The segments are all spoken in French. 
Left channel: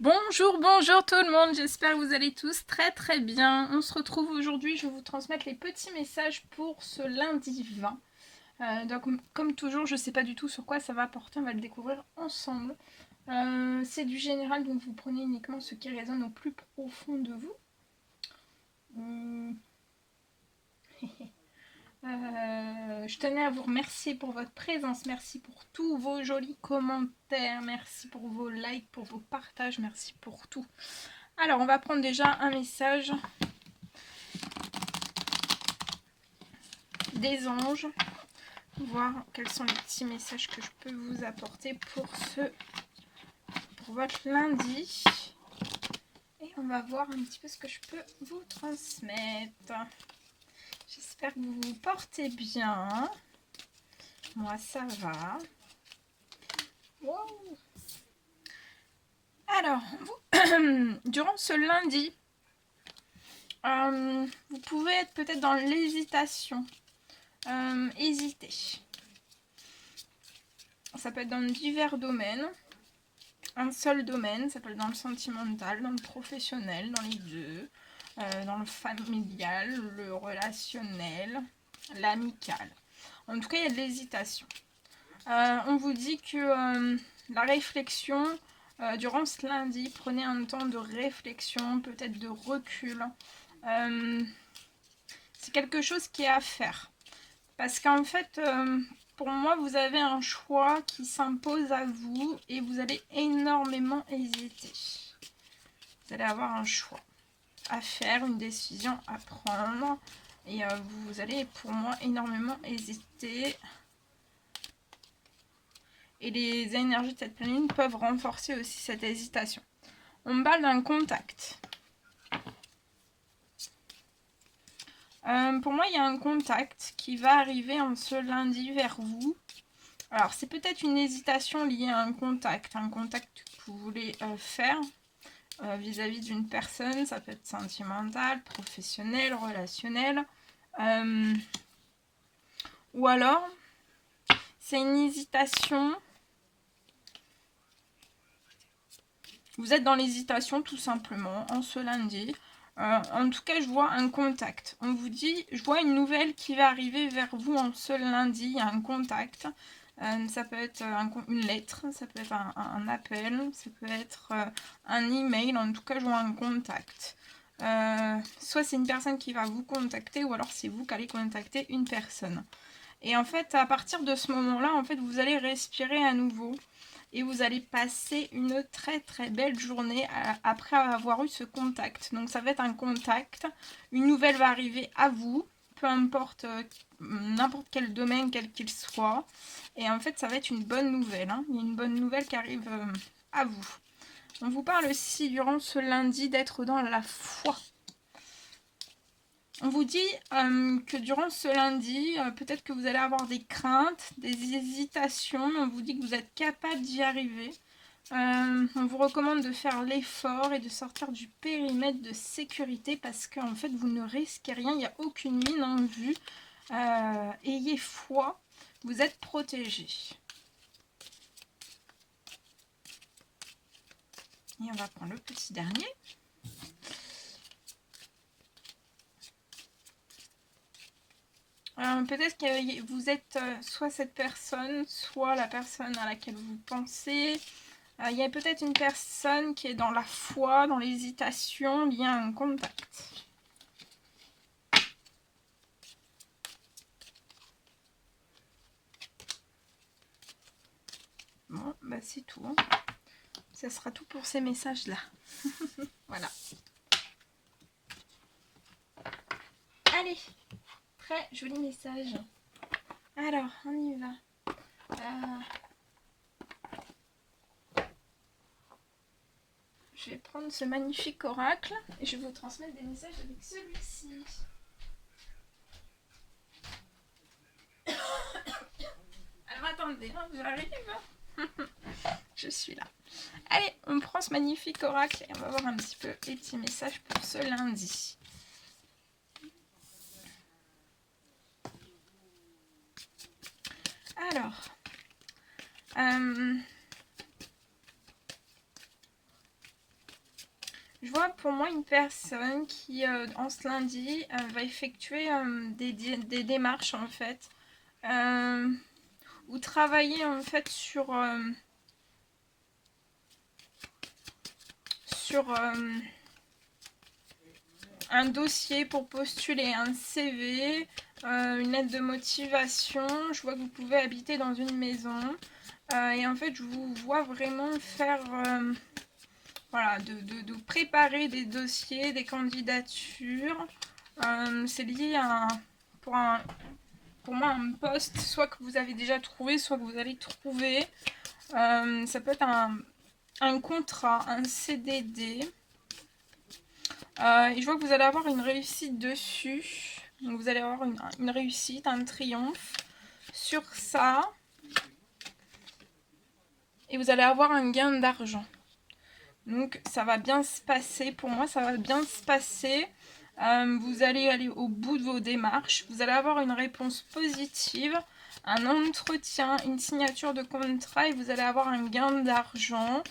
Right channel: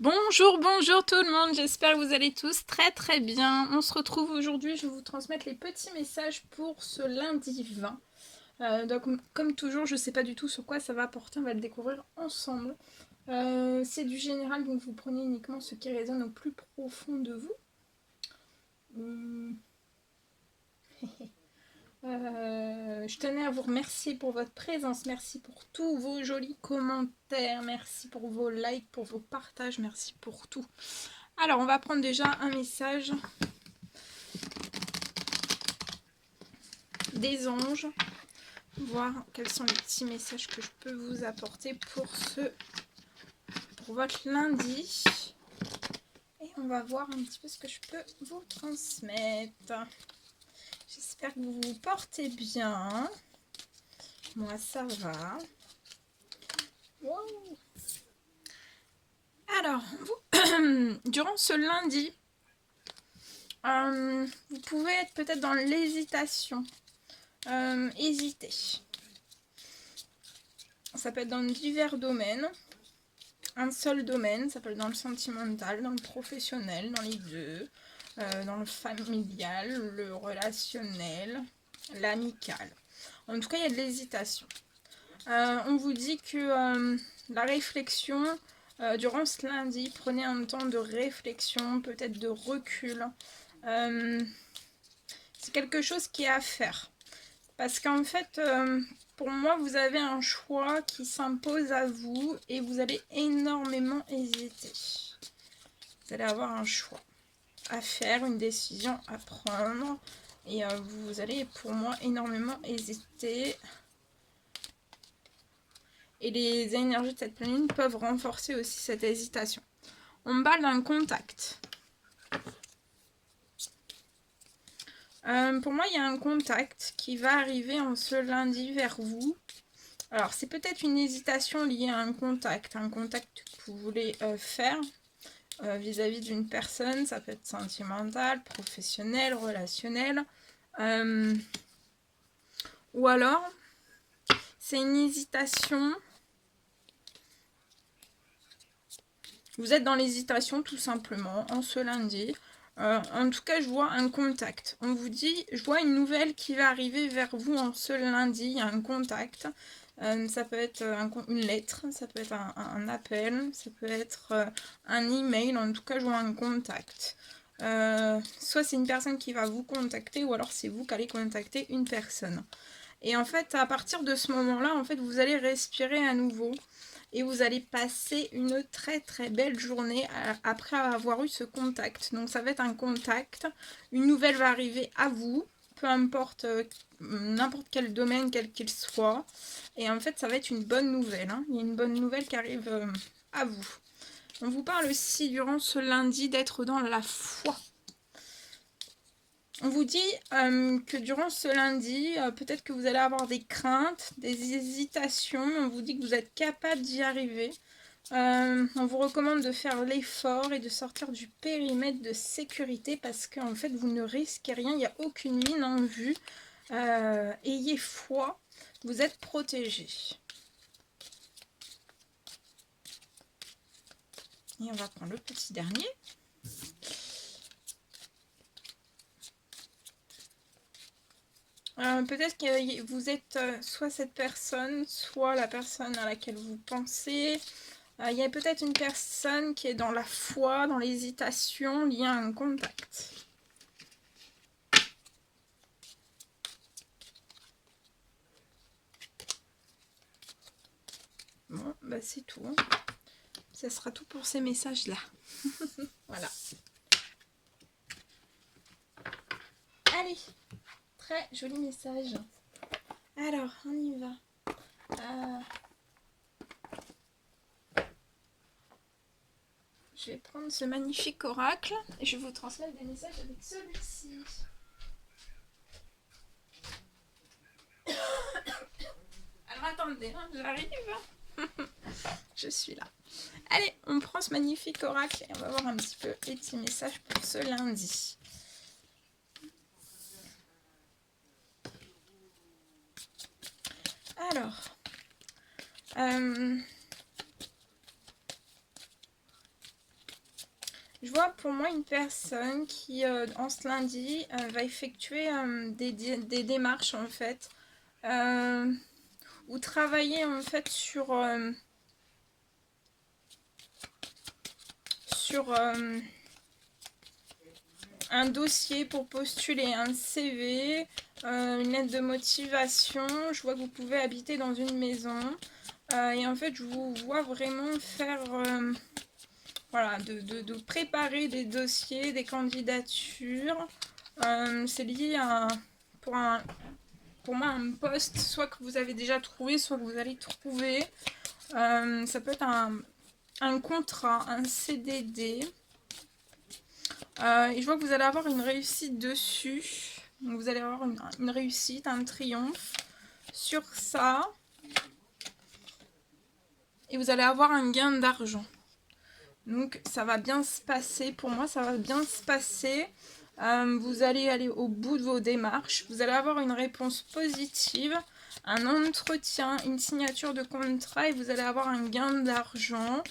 Bonjour, bonjour tout le monde, j'espère que vous allez tous très très bien. On se retrouve aujourd'hui, je vais vous transmettre les petits messages pour ce lundi 20. Donc comme toujours, je ne sais pas du tout sur quoi ça va porter, on va le découvrir ensemble. C'est du général, donc vous prenez uniquement ce qui résonne au plus profond de vous. Je tenais à vous remercier pour votre présence, merci pour tous vos jolis commentaires, merci pour vos likes, pour vos partages, merci pour tout. Alors, on va prendre déjà un message des anges, voir quels sont les petits messages que je peux vous apporter pour votre lundi. Et on va voir un petit peu ce que je peux vous transmettre. J'espère que vous vous portez bien. Moi, ça va. Wow. Alors, durant ce lundi, vous pouvez être peut-être dans l'hésitation. Hésiter. Ça peut être dans divers domaines. Un seul domaine, ça peut être dans le sentimental, dans le professionnel, dans les deux, dans le familial, le relationnel, l'amical. En tout cas, il y a de l'hésitation. On vous dit que la réflexion, durant ce lundi, prenez un temps de réflexion, peut-être de recul. C'est quelque chose qui est à faire. Parce qu'en fait, pour moi, vous avez un choix qui s'impose à vous et vous allez énormément hésiter. Vous allez avoir un choix à faire, une décision à prendre et vous allez, pour moi, énormément hésiter. Et les énergies de cette planète peuvent renforcer aussi cette hésitation. On me parle d'un contact. Pour moi, il y a un contact qui va arriver en ce lundi vers vous. Alors, c'est peut-être une hésitation liée à un contact que vous voulez faire vis-à-vis d'une personne. Ça peut être sentimental, professionnel, relationnel. Ou alors, c'est une hésitation. Vous êtes dans l'hésitation tout simplement en ce lundi. En tout cas, je vois un contact. On vous dit, je vois une nouvelle qui va arriver vers vous en ce lundi. Il y a un contact. Ça peut être une lettre, ça peut être un appel, ça peut être un email. En tout cas, je vois un contact. Soit c'est une personne qui va vous contacter, ou alors c'est vous qui allez contacter une personne. Et en fait, à partir de ce moment-là, en fait, vous allez respirer à nouveau. Et vous allez passer une très très belle journée après avoir eu ce contact. Donc ça va être un contact, une nouvelle va arriver à vous, peu importe n'importe quel domaine, quel qu'il soit. Et en fait ça va être une bonne nouvelle. Il y a une bonne nouvelle qui arrive à vous. On vous parle aussi durant ce lundi d'être dans la foi. On vous dit que durant ce lundi, peut-être que vous allez avoir des craintes, des hésitations, mais on vous dit que vous êtes capable d'y arriver. On vous recommande de faire l'effort et de sortir du périmètre de sécurité parce qu'en fait, vous ne risquez rien, il n'y a aucune mine en vue. Ayez foi, vous êtes protégé. Et on va prendre le petit dernier. Peut-être que vous êtes soit cette personne, soit la personne à laquelle vous pensez. Il y a peut-être une personne qui est dans la foi, dans l'hésitation, liée à un contact. Bon, bah c'est tout. Ça sera tout pour ces messages-là. Voilà. Allez, très joli message. Alors, on y va. Je vais prendre ce magnifique oracle et je vais vous transmettre des messages avec celui-ci. Alors attendez, j'arrive. Je suis là. Allez, on prend ce magnifique oracle et on va voir un petit peu les petits messages pour ce lundi. Alors, Je vois pour moi une personne qui, en ce lundi, va effectuer des démarches en fait, ou travailler en fait sur un dossier pour postuler un CV, une lettre de motivation. Je vois que vous pouvez habiter dans une maison. Et en fait, je vous vois vraiment faire... voilà, de préparer des dossiers, des candidatures. C'est lié à, pour, un, pour moi, un poste, soit que vous avez déjà trouvé, soit que vous allez trouver. Ça peut être un contrat, un CDD. Et je vois que vous allez avoir une réussite dessus. Donc vous allez avoir une réussite, un triomphe sur ça. Et vous allez avoir un gain d'argent. Donc ça va bien se passer. Pour moi, ça va bien se passer. Vous allez aller au bout de vos démarches. Vous allez avoir une réponse positive, un entretien, une signature de contrat et vous allez avoir un gain d'argent.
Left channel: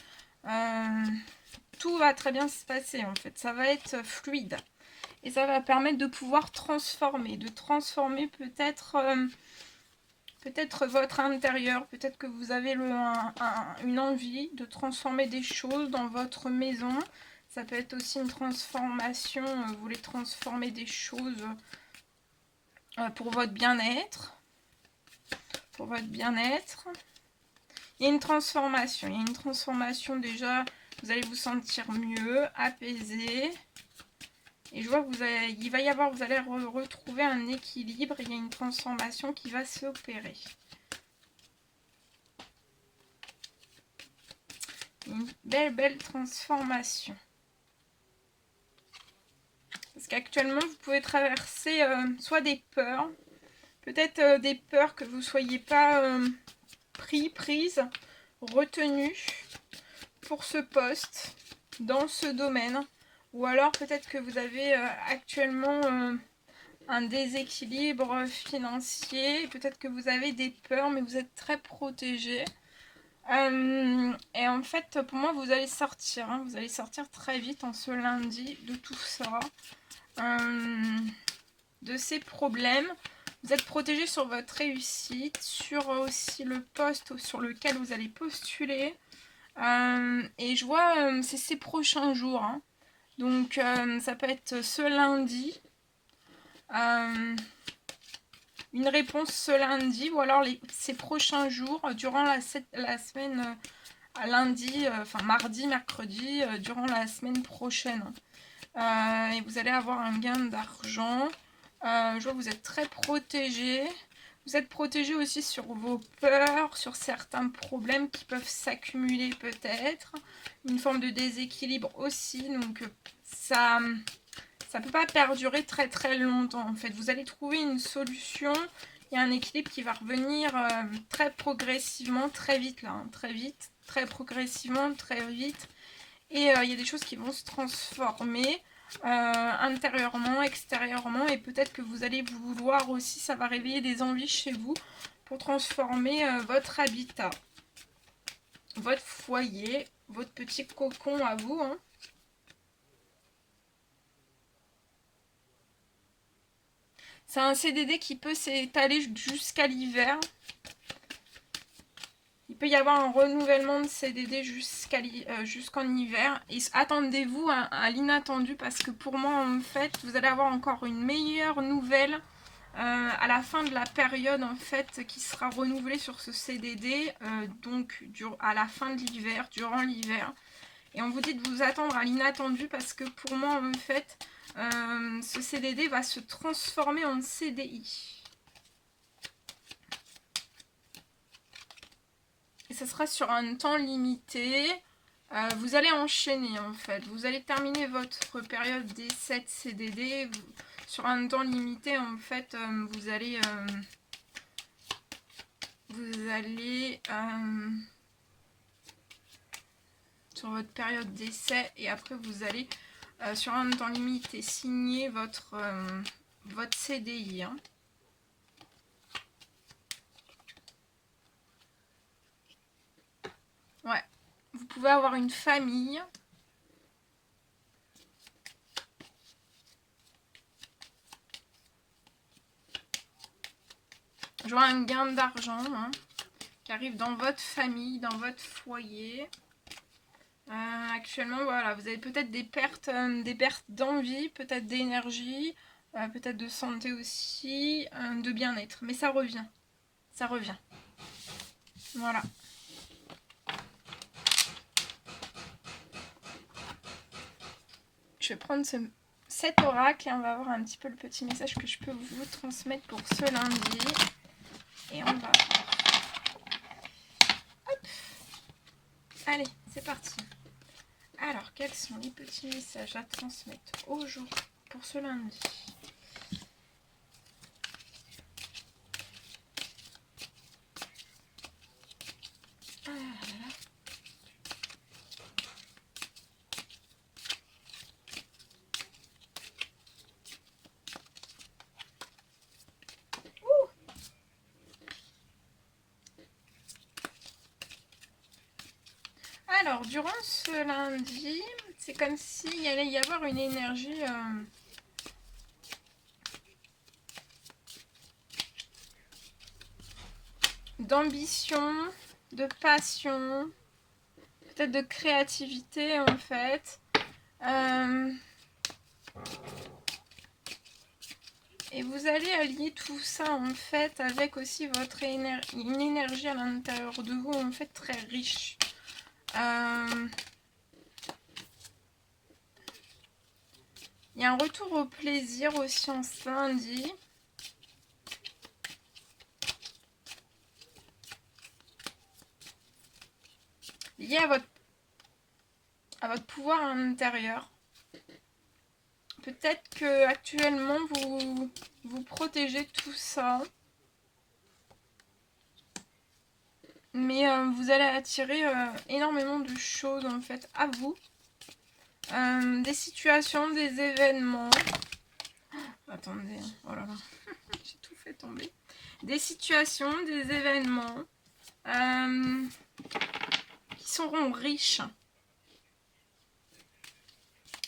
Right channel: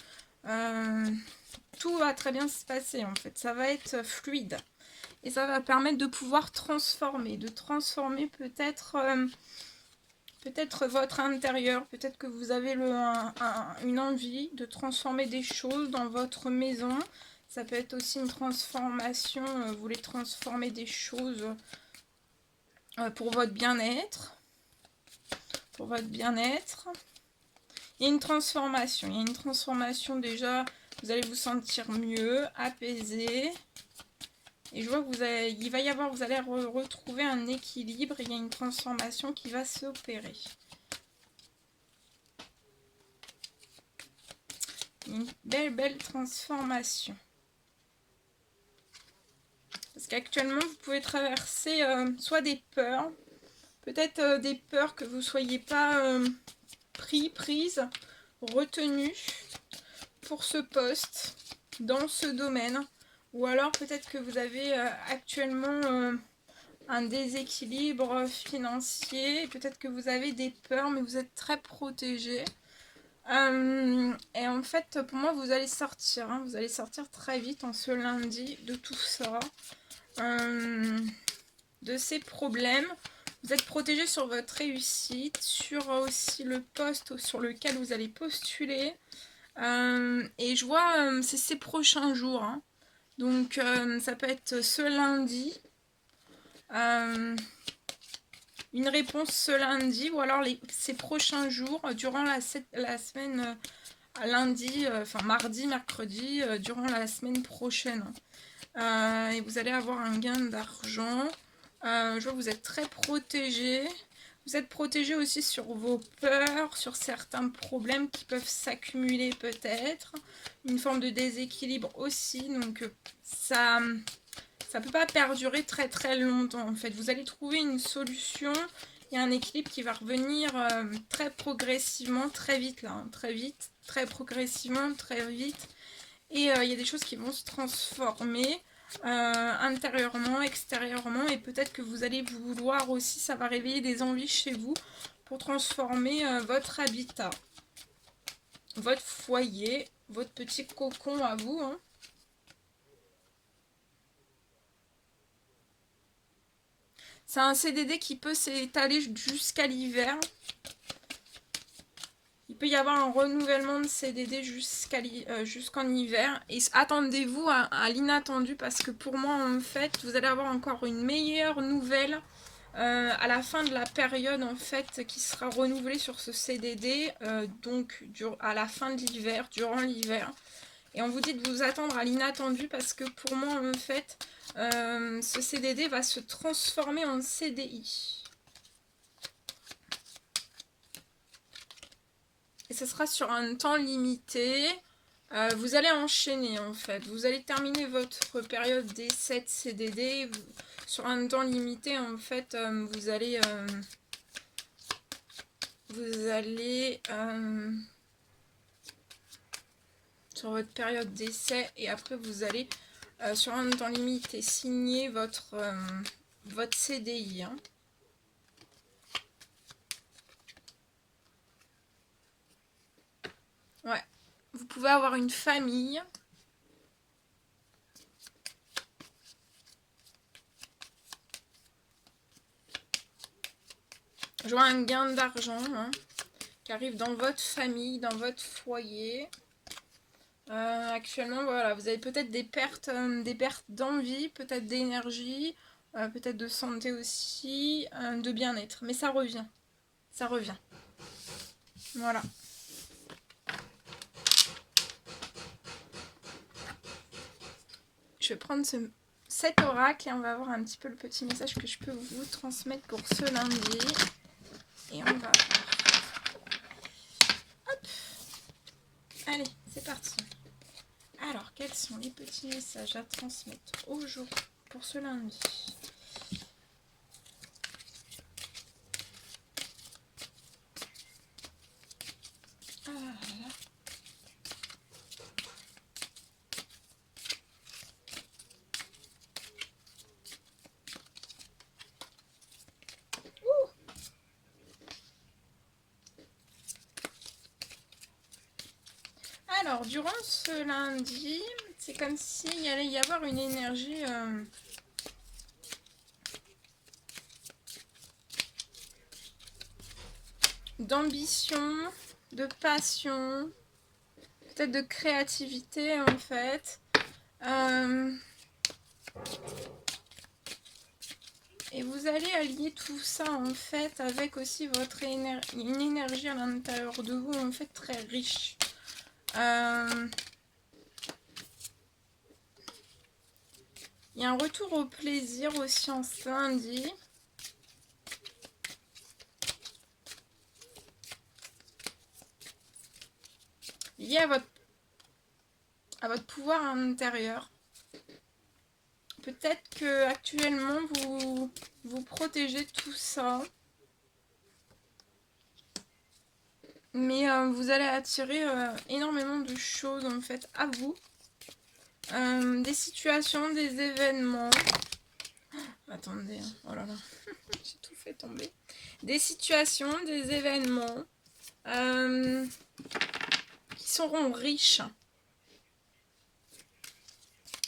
Tout va très bien se passer en fait. Ça va être fluide. Et ça va permettre de pouvoir transformer. De transformer peut-être votre intérieur. Peut-être que vous avez une envie de transformer des choses dans votre maison. Ça peut être aussi une transformation. Vous voulez transformer des choses pour votre bien-être. Pour votre bien-être. Il y a une transformation. Il y a une transformation déjà. Vous allez vous sentir mieux, apaisé. Et je vois que vous allez retrouver un équilibre. Il y a une transformation qui va s'opérer. Une belle transformation. Parce qu'actuellement, vous pouvez traverser soit des peurs, peut-être des peurs que vous ne soyez pas prise, retenue pour ce poste, dans ce domaine. Ou alors peut-être que vous avez actuellement un déséquilibre financier. Peut-être que vous avez des peurs, mais vous êtes très protégé. Et en fait, pour moi, vous allez sortir. Hein, vous allez sortir très vite en ce lundi de tout ça. De ces problèmes. Vous êtes protégé sur votre réussite, sur aussi le poste sur lequel vous allez postuler. Et je vois, c'est ces prochains jours. Hein. Donc, ça peut être ce lundi. Une réponse ce lundi ou alors ces prochains jours, durant la semaine, lundi, enfin mardi, mercredi, durant la semaine prochaine. Et vous allez avoir un gain d'argent. Je vois que vous êtes très protégé. Vous êtes protégé aussi sur vos peurs, sur certains problèmes qui peuvent s'accumuler peut-être. Une forme de déséquilibre aussi. Donc ça ne peut pas perdurer très très longtemps en fait. Vous allez trouver une solution. Il y a un équilibre qui va revenir très progressivement, très vite là. Hein, très vite, très progressivement, très vite. Et il y a des choses qui vont se transformer intérieurement, extérieurement. Et peut-être que vous allez vouloir aussi, ça va réveiller des envies chez vous pour transformer votre habitat, votre foyer, votre petit cocon à vous. Hein. C'est un CDD qui peut s'étaler jusqu'à l'hiver. Il peut y avoir un renouvellement de CDD jusqu'en hiver. Et attendez-vous à l'inattendu parce que pour moi, en fait, vous allez avoir encore une meilleure nouvelle à la fin de la période en fait qui sera renouvelée sur ce CDD. Donc à la fin de l'hiver, durant l'hiver. Et on vous dit de vous attendre à l'inattendu parce que pour moi, en fait, ce CDD va se transformer en CDI. Et ce sera sur un temps limité. Vous allez enchaîner en fait. Vous allez terminer votre période d'essai de CDD sur un temps limité. En fait, vous allez sur votre période d'essai et après vous allez sur un temps limité signer votre CDI. Hein. Ouais. Vous pouvez avoir une famille. Je vois un gain d'argent hein, qui arrive dans votre famille, dans votre foyer. Actuellement, voilà, vous avez peut-être des pertes d'envie, peut-être d'énergie, peut-être de santé aussi, de bien-être. Mais ça revient. Ça revient. Voilà. Je vais prendre cet oracle et on va voir un petit peu le petit message que je peux vous transmettre pour ce lundi. Et on va voir. Hop. Allez, c'est parti. Alors, quels sont les petits messages à transmettre aujourd'hui pour ce lundi? Ah là là. Alors, durant ce lundi, c'est comme s'il allait y avoir une énergie d'ambition, de passion, peut-être de créativité en fait. Et vous allez allier tout ça en fait avec aussi votre une énergie à l'intérieur de vous en fait très riche. Il y a un retour au plaisir aussi en ce lundi. Lié à votre pouvoir intérieur. Peut-être que actuellement vous protégez tout ça. Mais vous allez attirer énormément de choses en fait à vous. Des situations, des événements. Oh, attendez, oh là là, j'ai tout fait tomber. Des situations, des événements qui seront riches.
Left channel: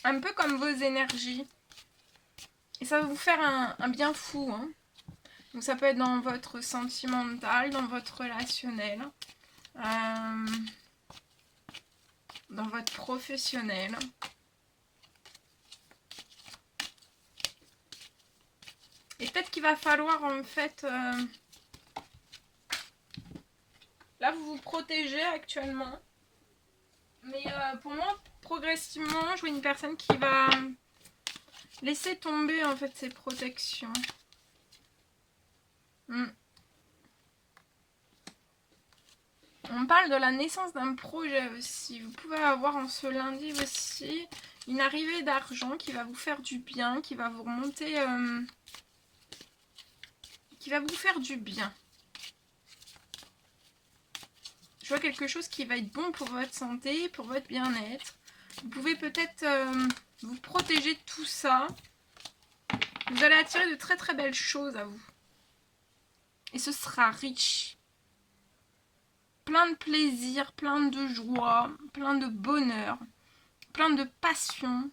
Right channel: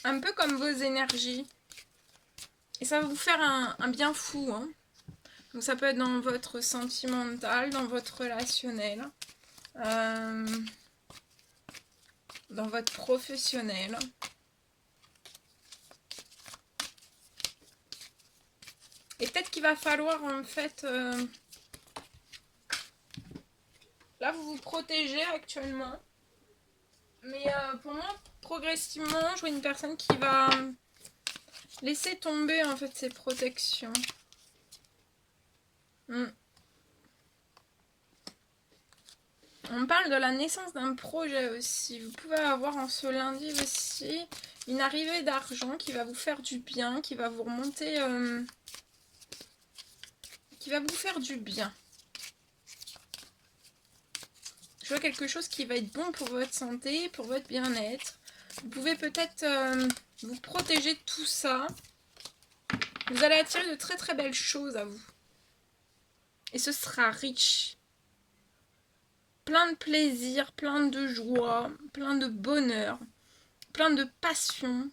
Un peu comme vos énergies. Et ça va vous faire un bien fou. Hein. Donc ça peut être dans votre sentimental, dans votre relationnel, dans votre professionnel. Et peut-être qu'il va falloir en fait... là vous vous protégez actuellement. Mais pour moi, progressivement, je vois une personne qui va laisser tomber en fait ses protections. On parle de la naissance d'un projet aussi. Vous pouvez avoir en ce lundi aussi une arrivée d'argent qui va vous faire du bien, qui va vous remonter, qui va vous faire du bien. Je vois quelque chose qui va être bon pour votre santé, pour votre bien-être. Vous pouvez peut-être vous protéger de tout ça. Vous allez attirer de très très belles choses à vous. Et ce sera riche. Plein de plaisir, plein de joie, plein de bonheur, plein de passion.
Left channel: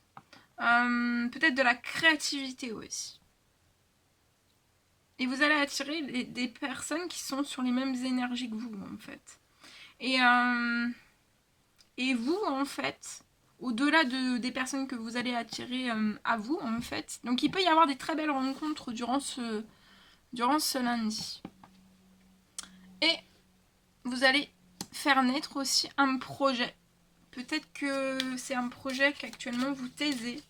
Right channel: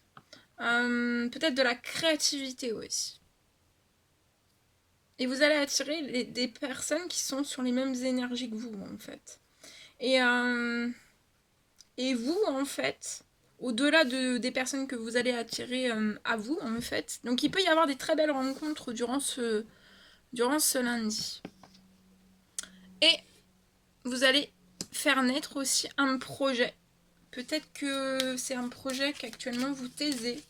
Peut-être de la créativité aussi. Et vous allez attirer des personnes qui sont sur les mêmes énergies que vous, en fait. Et vous, en fait, au-delà des personnes que vous allez attirer à vous, en fait. Donc, il peut y avoir des très belles rencontres durant ce lundi. Et vous allez faire naître aussi un projet. Peut-être que c'est un projet qu'actuellement vous taisez.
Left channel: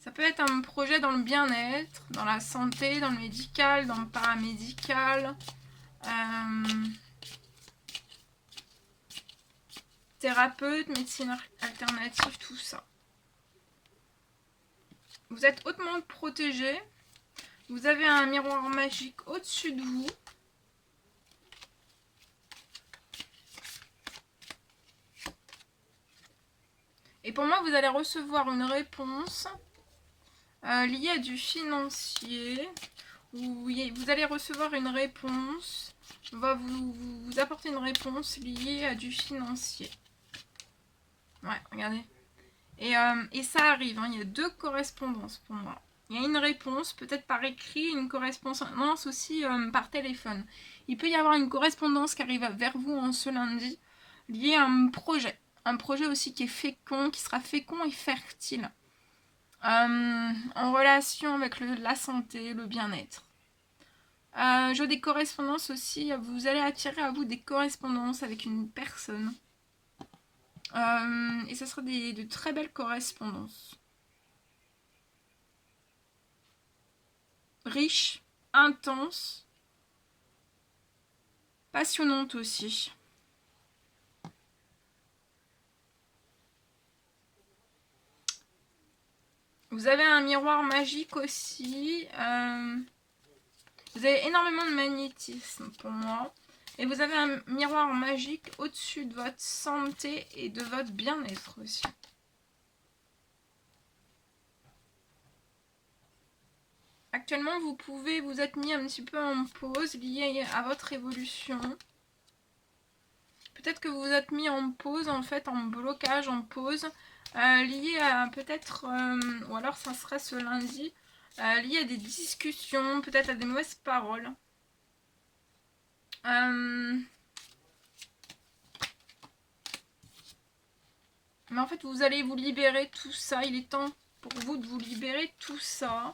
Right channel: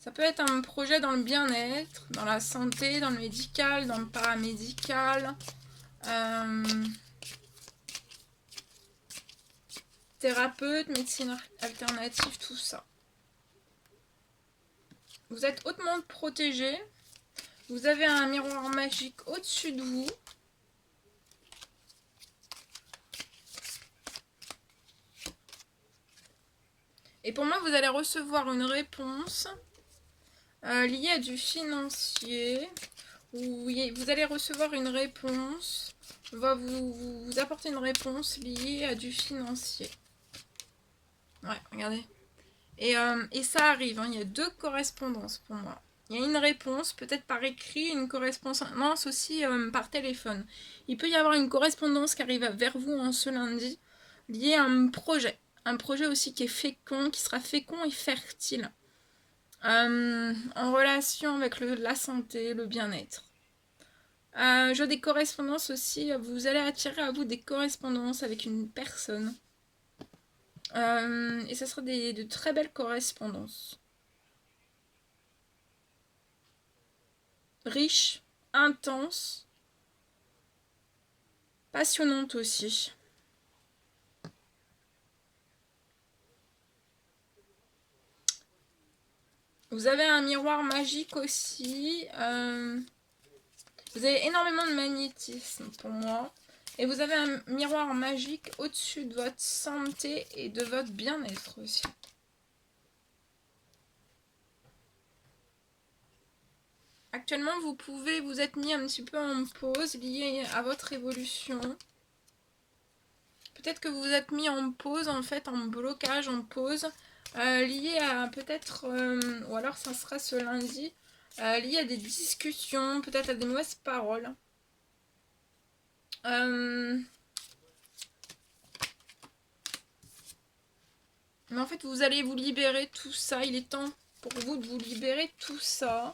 Ça peut être un projet dans le bien-être, dans la santé, dans le médical, dans le paramédical. Thérapeute, médecine alternative, tout ça. Vous êtes hautement protégé. Vous avez un miroir magique au-dessus de vous. Et pour moi, vous allez recevoir une réponse liée à du financier. Ou vous allez recevoir une réponse. On va vous apporter une réponse liée à du financier. Ouais, regardez. Et ça arrive, hein, il y a 2 correspondances pour moi. Il y a une réponse, peut-être par écrit, une correspondance aussi par téléphone. Il peut y avoir une correspondance qui arrive vers vous en ce lundi, liée à un projet. Un projet aussi qui est fécond, qui sera fécond et fertile. En relation avec la santé, le bien-être. J'ai des correspondances aussi, vous allez attirer à vous des correspondances avec une personne. Et ce sera de très belles correspondances. Riches, intenses, passionnantes aussi. Vous avez un miroir magique aussi. Vous avez énormément de magnétisme pour moi. Et vous avez un miroir magique au-dessus de votre santé et de votre bien-être aussi. Actuellement, vous pouvez vous être mis un petit peu en pause lié à votre évolution. Peut-être que vous vous êtes mis en pause, en fait, en blocage, en pause, lié à peut-être, ou alors ça sera ce lundi, lié à des discussions, peut-être à des mauvaises paroles. Mais en fait, vous allez vous libérer tout ça. Il est temps pour vous de vous libérer tout ça.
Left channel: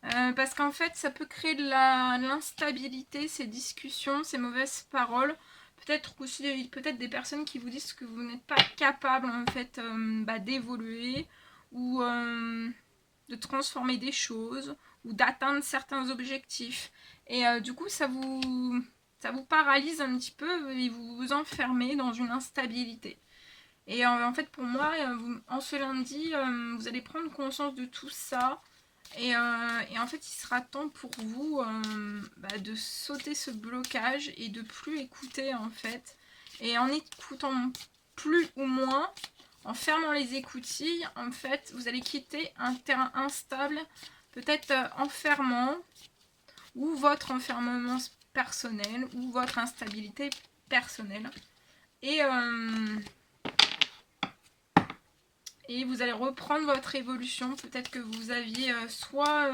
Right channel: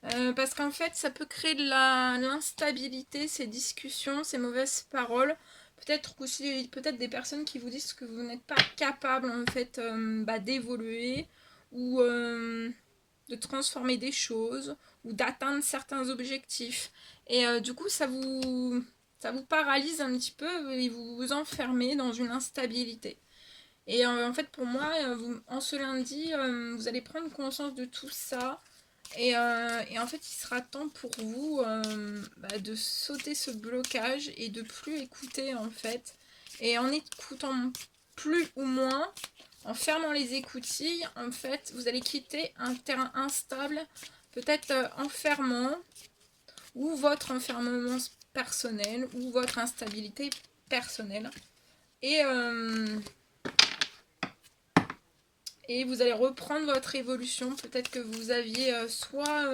Parce qu'en fait, ça peut créer de l'instabilité, ces discussions, ces mauvaises paroles. Peut-être aussi des personnes qui vous disent que vous n'êtes pas capable en fait d'évoluer ou de transformer des choses ou d'atteindre certains objectifs. Et du coup, ça vous paralyse un petit peu et vous vous enfermez dans une instabilité. Et en fait, pour moi, en ce lundi, vous allez prendre conscience de tout ça. Et en fait, il sera temps pour vous de sauter ce blocage et de plus écouter en fait. Et en écoutant plus ou moins, en fermant les écoutilles, en fait, vous allez quitter un terrain instable, peut-être enfermant, ou votre enfermement personnel, ou votre instabilité personnelle. Et vous allez reprendre votre évolution. Peut-être que vous aviez soit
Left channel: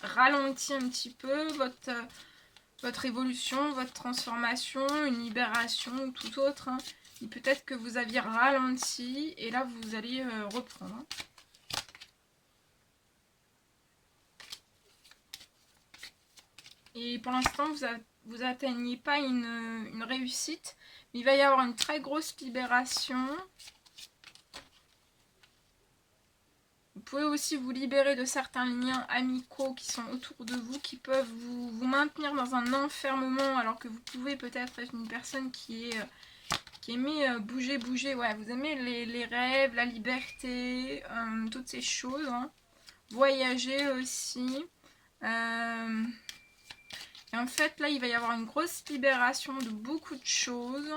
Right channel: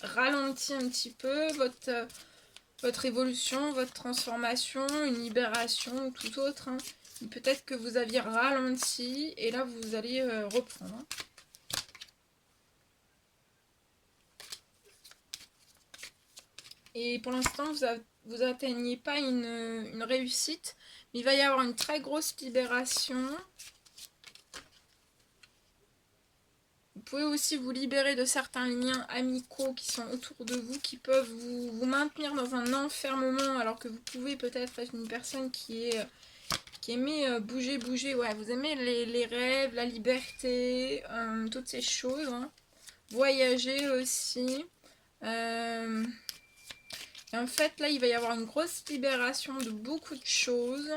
ralenti un petit peu votre évolution, votre transformation, une libération ou tout autre. Hein. Peut-être que vous aviez ralenti et là vous allez reprendre. Hein. Et pour l'instant, vous atteignez pas une réussite, mais il va y avoir une très grosse libération. Vous pouvez aussi vous libérer de certains liens amicaux qui sont autour de vous, qui peuvent vous maintenir dans un enfermement, alors que vous pouvez peut-être être une personne qui aimait bouger. Ouais, vous aimez les rêves, la liberté, toutes ces choses. Hein. Voyager aussi. Et en fait, là, il va y avoir une grosse libération de beaucoup de choses.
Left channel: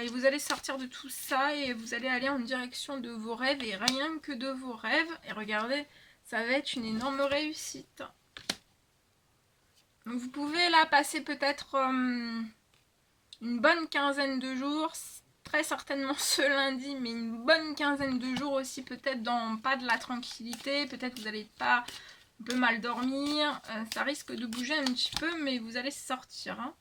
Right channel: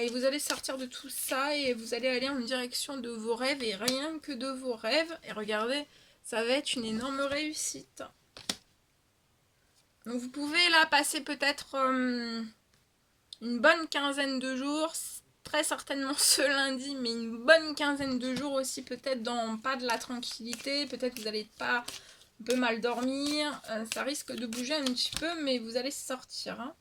Et vous allez sortir de tout ça et vous allez aller en direction de vos rêves et rien que de vos rêves. Et regardez, ça va être une énorme réussite. Donc vous pouvez là passer peut-être une bonne quinzaine de jours, très certainement ce lundi, mais une bonne quinzaine de jours aussi peut-être dans pas de la tranquillité, peut-être vous allez pas un peu mal dormir, ça risque de bouger un petit peu, mais vous allez sortir. Hein.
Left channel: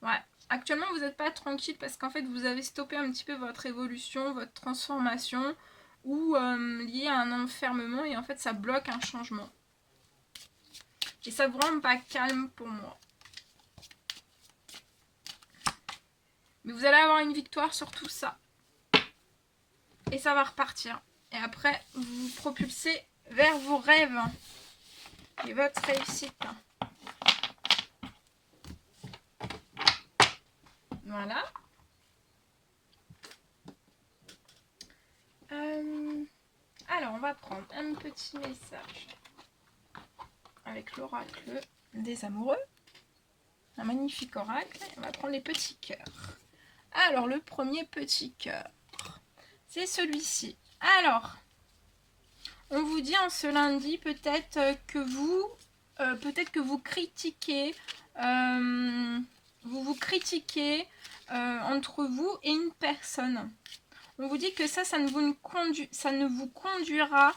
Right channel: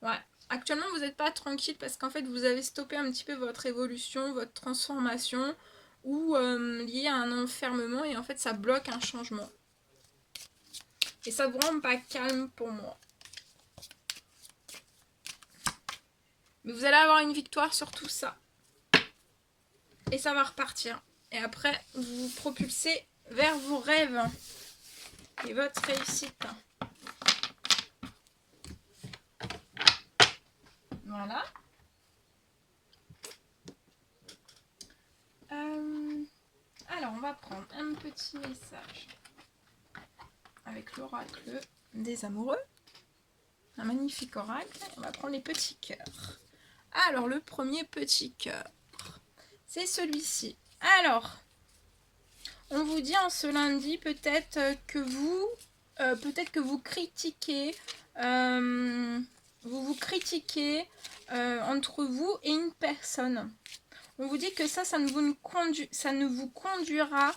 Ouais. Actuellement, vous n'êtes pas tranquille parce qu'en fait, vous avez stoppé un petit peu votre évolution, votre transformation ou lié à un enfermement et en fait, ça bloque un changement. Et ça vous rend pas calme pour moi. Mais vous allez avoir une victoire sur tout ça. Et ça va repartir. Et après, vous vous propulsez vers vos rêves et votre réussite. Voilà. Alors, on va prendre un petit message avec l'oracle des amoureux. Un magnifique oracle. On va prendre les petits cœurs. Alors, le premier petit cœur, c'est celui-ci. Alors, on vous dit en ce lundi peut-être que vous critiquez, vous critiquez entre vous et une personne. On vous dit que ça ne vous conduira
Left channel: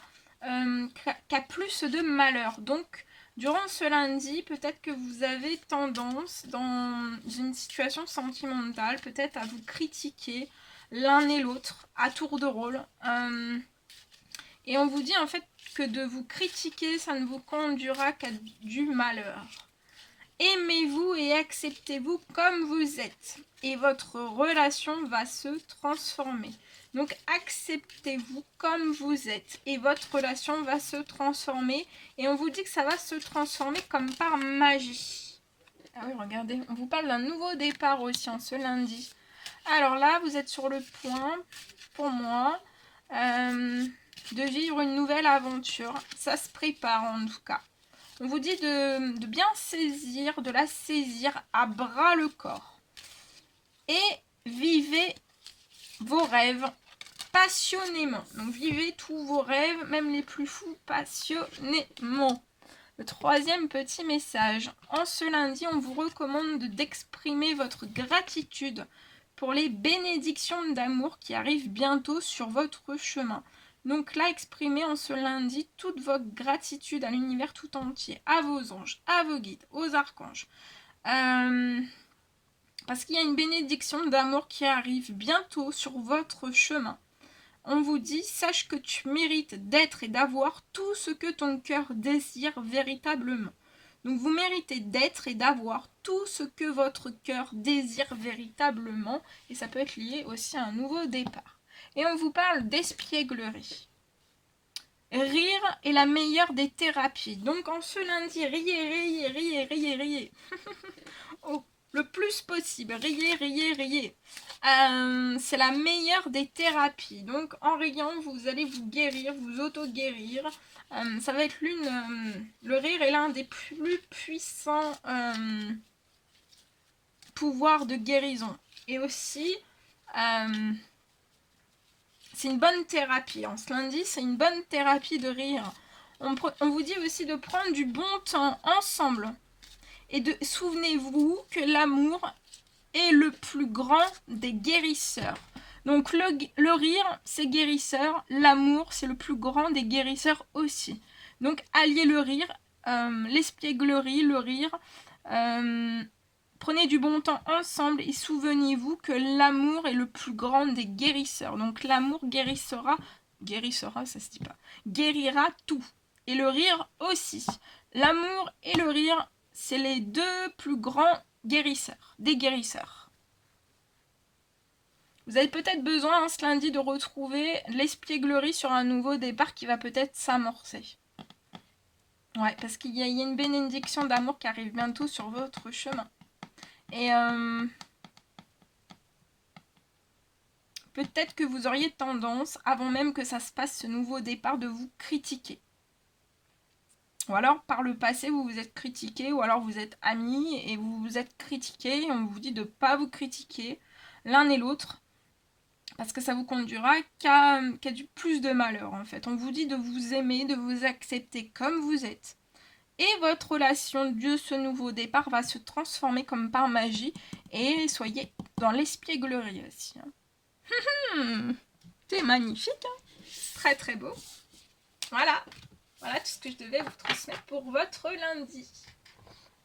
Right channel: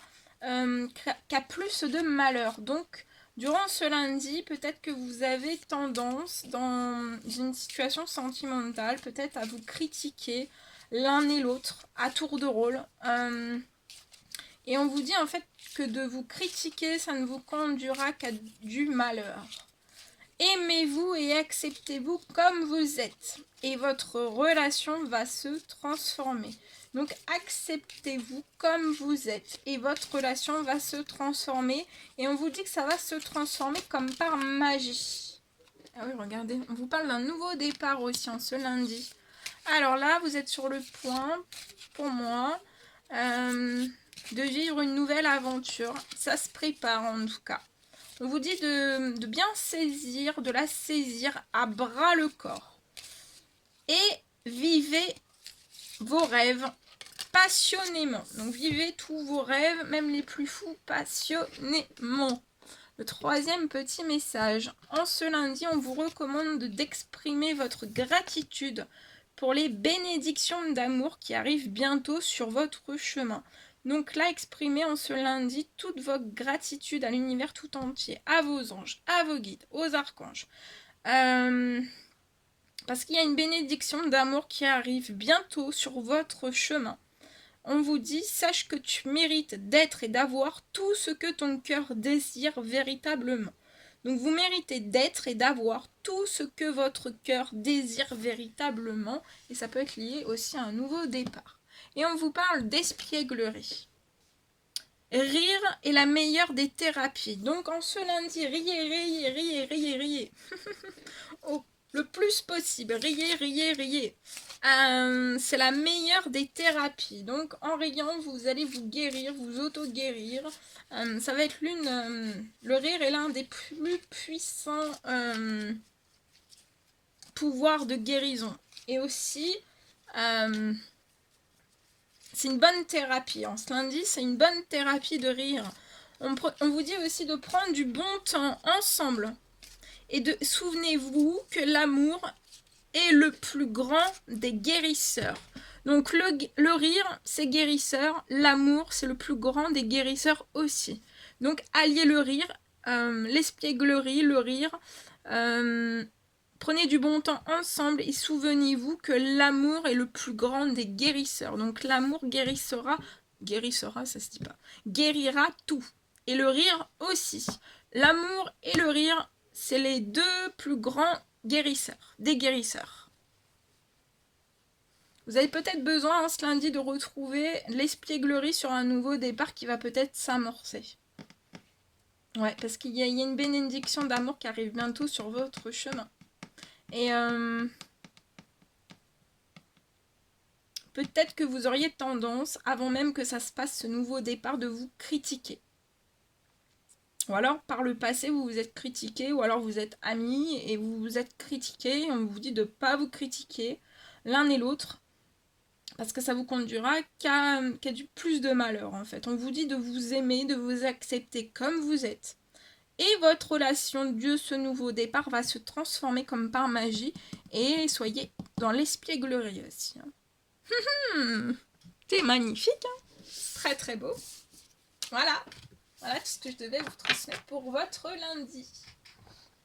qui a plus de malheur. Donc, durant ce lundi, peut-être que vous avez tendance, dans une situation sentimentale, peut-être à vous critiquer l'un et l'autre à tour de rôle. Et on vous dit en fait que de vous critiquer, ça ne vous conduira qu'à du malheur. Aimez-vous et acceptez-vous comme vous êtes. Et votre relation va se transformer. Donc acceptez-vous comme vous êtes. Et votre relation va se transformer. Et on vous dit que ça va se transformer comme par magie. Ah oui, regardez, on vous parle d'un nouveau départ aussi en ce lundi. Alors là, vous êtes sur le point, pour moi, de vivre une nouvelle aventure. Ça se prépare en tout cas. On vous dit de bien saisir, de la saisir à bras le corps. Et vivez vos rêves passionnément. Donc vivez tous vos rêves, même les plus fous, passionnément. Le troisième petit message. En ce lundi, on vous recommande d'exprimer votre gratitude pour les bénédictions d'amour qui arrivent bientôt sur votre chemin. Donc là, exprimez en ce lundi toute votre gratitude à l'univers tout entier, à vos anges, à vos guides, aux archanges. Parce qu'il y a une bénédiction d'amour qui arrive bientôt sur votre chemin. On vous dit, sache que tu mérites d'être et d'avoir tout ce que ton cœur désire véritablement. Donc vous méritez d'être et d'avoir tout ce que votre cœur désire véritablement. Et ça peut être lié aussi à un nouveau départ. Et on vous parle d'espièglerie. Rire est la meilleure des thérapies. Donc en ce lundi, riez. Oh, le plus possible. Riez. C'est la meilleure des thérapies. Donc en riant, vous allez vous guérir, vous auto-guérir. Ça va être le rire est l'un des plus puissants pouvoirs de guérison. Et aussi, c'est une bonne thérapie. En ce lundi, c'est une bonne thérapie de rire. On vous dit aussi de prendre du bon temps ensemble. Et souvenez-vous que l'amour est le plus grand des guérisseurs. Donc le rire, c'est guérisseur. L'amour, c'est le plus grand des guérisseurs aussi. Donc alliez le rire, l'espièglerie, le rire. Prenez du bon temps ensemble et souvenez-vous que l'amour est le plus grand des guérisseurs. Donc l'amour guérira, ça se dit pas, guérira tout. Et le rire aussi. L'amour et le rire, c'est les deux plus grands guérisseurs, des guérisseurs. Vous avez peut-être besoin ce lundi de retrouver l'espièglerie sur un nouveau départ qui va peut-être s'amorcer. Ouais, parce qu'il y a une bénédiction d'amour qui arrive bientôt sur votre chemin. Et peut-être que vous auriez tendance, avant même que ça se passe ce nouveau départ, de vous critiquer. Ou alors par le passé vous vous êtes critiqué, ou alors vous êtes amis et vous vous êtes critiqué. On vous dit de ne pas vous critiquer l'un et l'autre, parce que ça vous conduira qu'à du plus de malheur en fait. On vous dit de vous aimer, de vous accepter comme vous êtes. Et votre relation de ce nouveau départ va se transformer comme par magie. Et soyez dans l'espièglerie aussi. C'est magnifique. Très très beau. Voilà tout ce que je devais vous transmettre pour votre lundi.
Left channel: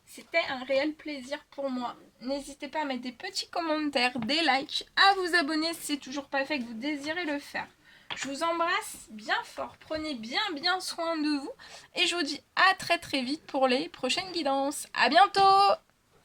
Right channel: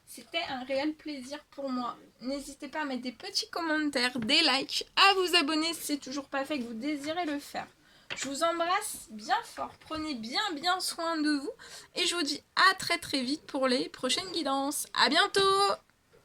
C'était un réel plaisir pour moi. N'hésitez pas à mettre des petits commentaires, des likes, à vous abonner si c'est toujours pas fait, que vous désirez le faire. Je vous embrasse bien fort, prenez bien soin de vous et je vous dis à très vite pour les prochaines guidances. À bientôt!